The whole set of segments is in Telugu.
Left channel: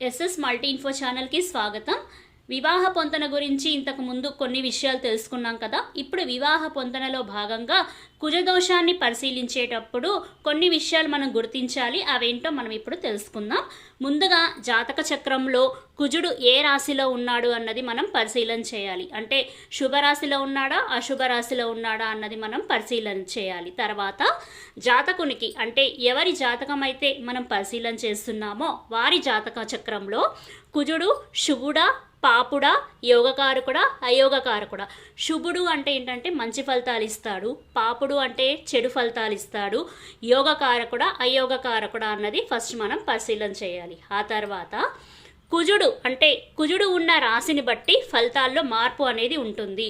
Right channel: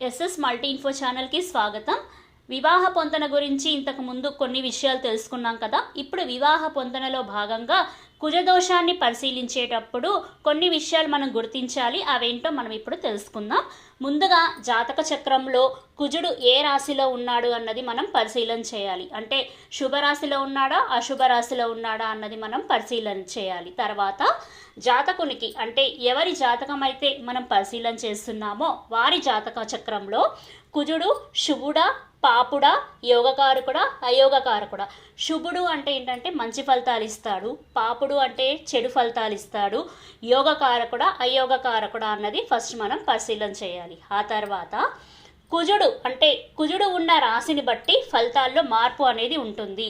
ఎస్ఎస్ మల్టీ ఇన్ఫో ఛానల్కి స్వాగతం వివాహ పొంతన గురించి ఇంతకు ముందు కొన్ని విషయాలు తెలుసుకున్నాం కదా. ఇప్పుడు వివాహ పొంతనలో భాగంగా కుజదోషాన్ని పరిశీలించేటప్పుడు కొన్ని విషయాలు మనం గుర్తించాలి. అవేంటో మనం ఇప్పుడు తెలుసుకుందాం. ముందుగా జాతక చక్రంలో కుజుడు ఏ రాశిలో ఉన్నాడు అన్నది మనం పరిశీలన చేయాలి. అంటే శుభరాశిలో ఉన్నాడా అశుభ రాశిలో ఉన్నాడా అన్నది మనం పరిశీలన చేయాలి. తర్వాత జాతకునికి అంటే ఎవరి జాతకం అయితే మనం పరిశీలన చేస్తున్నామో వారి జాతక చక్రంలో కుజుడు శుభుడా పాపుడా యోగకారకుడా అయోగకారకుడా. శుభుడు అంటే ఏంటంటే మంచి ఫలితాలు ఇస్తాడు పాపుడు అంటే చెడు ఫలితాలు ఇస్తాడు యోగకారకుడా అయోగకారకుడా అన్నది ఫస్ట్ మనం పరిశీలన చేయాలి. ఆ తర్వాత కుజుడు అంటే కుజుడు ఉన్న రాశిని బట్టి ఫలితాల్లో మార్పు అనేది ఉంటుంది.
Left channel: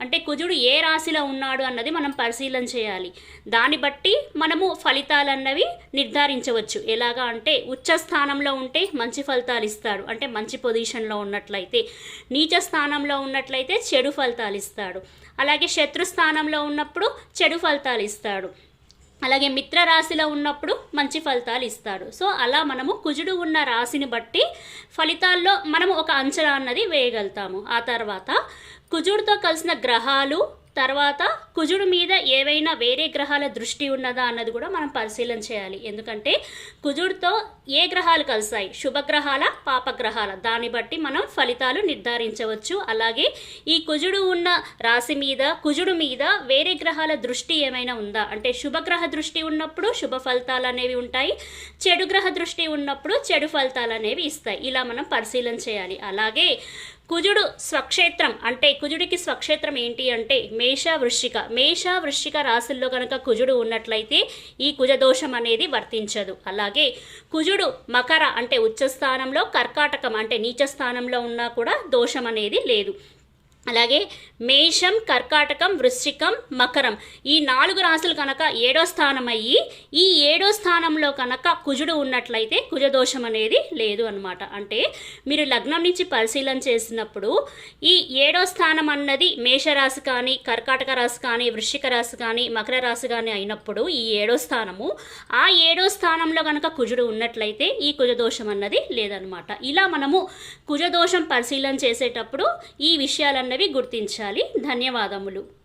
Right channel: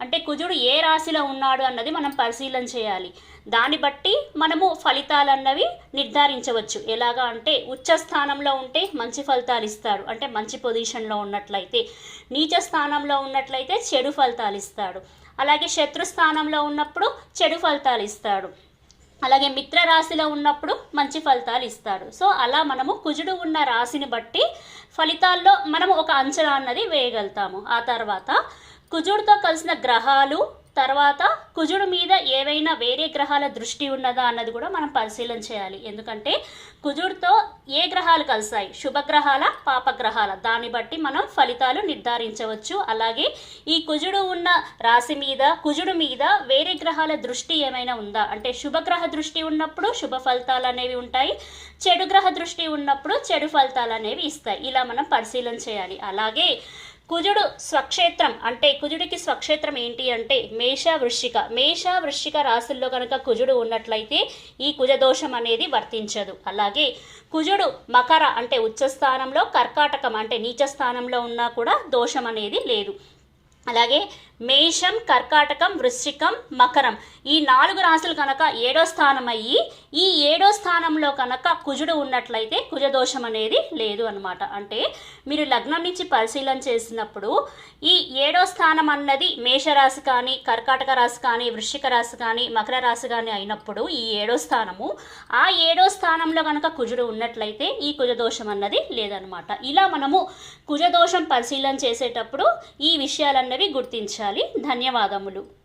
అంటే కుజుడు ఏ రాశిలో ఉన్నాడు అన్నది మనం పరిశీలన చేయాలి. దాన్ని బట్టి మనము ఫలితాలు అన్నవి నిర్ధారించవచ్చు. ఎలాగా అంటే ఉచ్చ స్థానంలో ఉంటే మంచి ఫలితాలు ఇస్తాడు. అంటే మంచి పొజిషన్లో ఉన్నట్లయితే నీచ స్థానంలో ఉన్నట్లయితే చెడు ఫలితాలు ఇస్తాడు. అలాగే శత్రు స్థానంలో ఉన్నప్పుడు చెడు ఫలితాలు ఇస్తాడు. అలాగే మిత్ర రాశిలో ఉన్నప్పుడు మంచి ఫలితాలు ఇస్తాడు. సో అలా మనము కుజుడు ఉన్న రాశిని బట్టి ఫలితాల్లో మనము ఒక అంచనా అన్నది వేయగలుగుతాము. ఆ తర్వాత కుజుడితో కలిసిన గ్రహాలు తర్వాత కుజుడు మీద ఏవైనా వేరే గ్రహాల దృష్టి ఉన్నదా అన్నది కూడా మనం పరిశీలన చేయాలి. ఎందుకంటే కుజుడితో ఏ గ్రహాలు కలిసాయి? శుభగ్రహాల పాపగ్రహాల? దాన్ని బట్టి మనం ఫలితాలు నిర్ధారించవచ్చు. అలాగే ఈ కుజుడు ఉన్న రాశి మీద కుజుడు మీద వేరే గ్రహాల దృష్టి ఏమైనా ఉందా? అంటే శుభగ్రహ దృష్టి ఉన్నప్పుడు శుభ ఫలితాలు అనేవి ఉంటాయి. చెడు గ్రహ దృష్టి ఉన్నప్పుడు చెడు ఫలితాలు అనేవి ఇస్తాయి. ఇలా మనం పరిశీలన చేయాలి. అలాగే కుజుడు స్వక్షేత్రం అంటే కుజుడికి స్వక్షేత్రం ఏంటి అంటే మేష వృశ్చిక మేష వృశ్చిక రాశుల్లో కనుక కుజుడు ఉన్నట్లయితే ఈ కుజదోషం అనేది వర్తించదు. అలాగే కుజుడు మకర అంటే ఉచ్చ స్థానంలో కర్కాటకం అంటే నీచ స్థానంలో ఉన్నా కూడా దోషం అనేది లేదు. అలాగే మేషం కర్కాటకం వృశ్చికం మకరం. ఈ నాలుగు రాశులు కనుక ఏడో స్థానం అయ్యి ఈ ఏడో స్థానంలో కనుక కుజుడు ఉన్నట్లయితే కుజదోషం అనేది లేదు అనమాట అంటే మీరు లగ్నం నుంచి పరిశీలన చేసినప్పుడు ఈ ఏడో స్థానం అన్నది మేషరాశి కానీ కర్కాటక రాశి కానీ వృశ్చిక రాశి కానీ మకర రాశి కానీ అయినప్పుడు ఈ ఏడో స్థానము ఆ ఏడో స్థానంలో కనుక కుజుడు ఉన్నట్లయితే ఈ కుజదోషం అన్నది లేదనమాట ఇలా మనము కుజదోషం పరిశీలన చేసేటప్పుడు ఈ విషయాలన్నవి గుర్తించాలి. ధన్యవాదములు.